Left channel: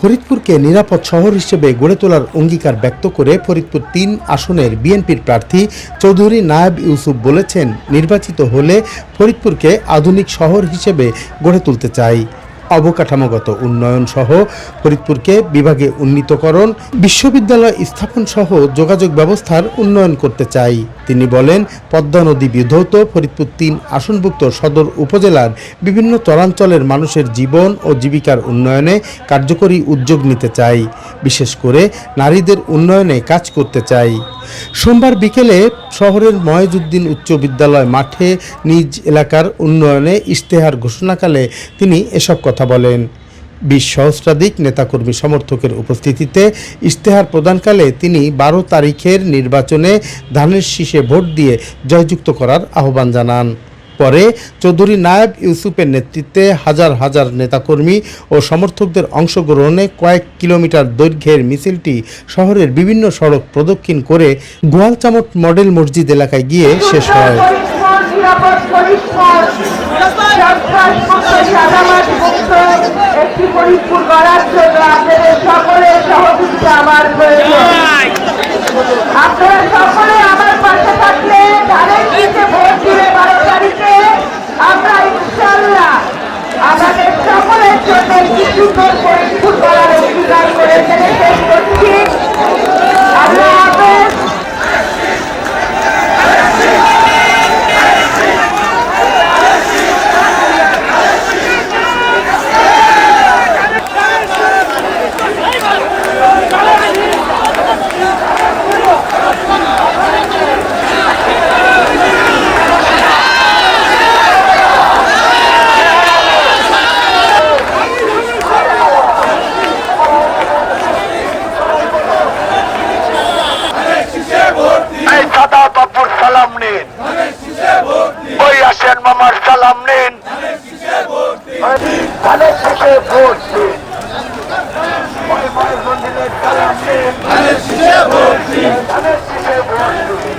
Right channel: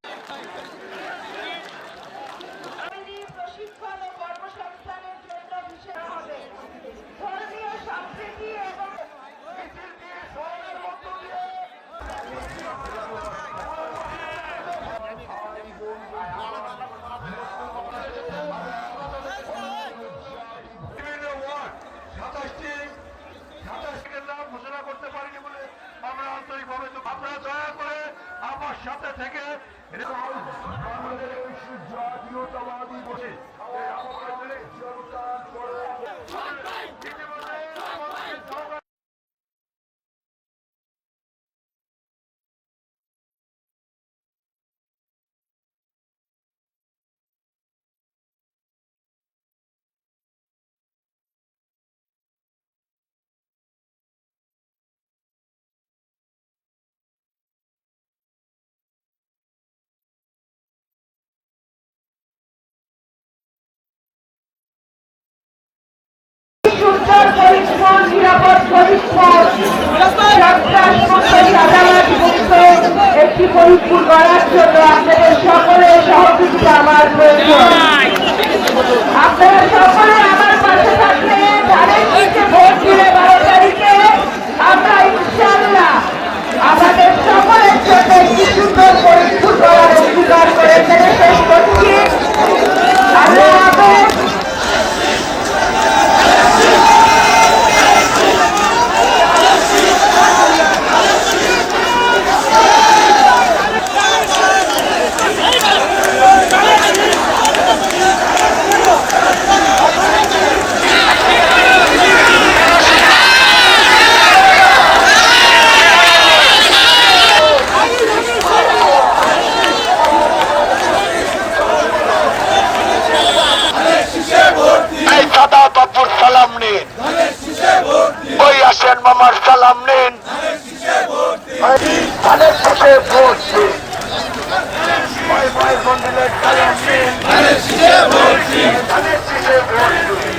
ফরিদপুরকে নিরাপদ শহর হিসেবে গড়ে তোলার অঙ্গীকার ব্যক্ত করে ফরিদপুর ৩ আসনের বিএনপির প্রার্থী চৌধুরী নায়েব ইউসুফ বলেছেন, নির্বাচিত হলে ফরিদপুরকে আধুনিক শহর হিসেবে গড়ে তুলতে চাই। অবকাঠামোগত উন্নয়ন সহ ফরিদপুরকে বিভাগে উন্নীতকরণ, বিশ্ববিদ্যালয় স্থাপন সহ যোগাযোগ ব্যবস্থার উন্নয়ন করতে চাই। তিনি বলেন, পদ্মা নদী বিধৌত ফরিদপুর ৩ আসনভুক্ত সদর উপজেলার বিভিন্ন চরাঞ্চলের মানুষের জীবন ও জীবিকার উন্নয়নে কার্যকরী উদ্যোগ নিতে চাই। বিশেষ করে নারীদের উন্নয়নে কাজ করতে চাই। সোমবার বিকেলে শহরের ময়েজউদ্দিন উচ্চ বিদ্যালয় মাঠে নিজ এলাকার উন্নয়নে ইশতেহার ঘোষণাকালে তিনি এসব কথা বলেন। ২০ সহস্রাধিক নেতাকর্মী সমর্থকের উপস্থিতিতে ইশতেহার প্রদানকালে তিনি ১২ তারিখের নির্বাচনে ধানের শীষে ভোট দিয়ে জয়যুক্ত করার আহ্বান জানান। পরে চৌধুরী নায়েব ইউসুফের নেতৃত্বে হাজার হাজার নেতাকর্মী ও সমর্থকদের অংশগ্রহণে কয়েক কিলোমিটার দৈর্ঘ্যের মিছিলটি শহরের বিভিন্ন সড়ক প্রদক্ষিণ করে গোয়ালচামট মডেল মসজিদ এলাকায় গিয়ে শেষ হয়। সালাম নিন, ওই আসেন মামার সালাম নিন, ধানের শীষে ভোট দিন, ধানের শীষে ভোট দিন, ধানের শীষে ভোট দিন।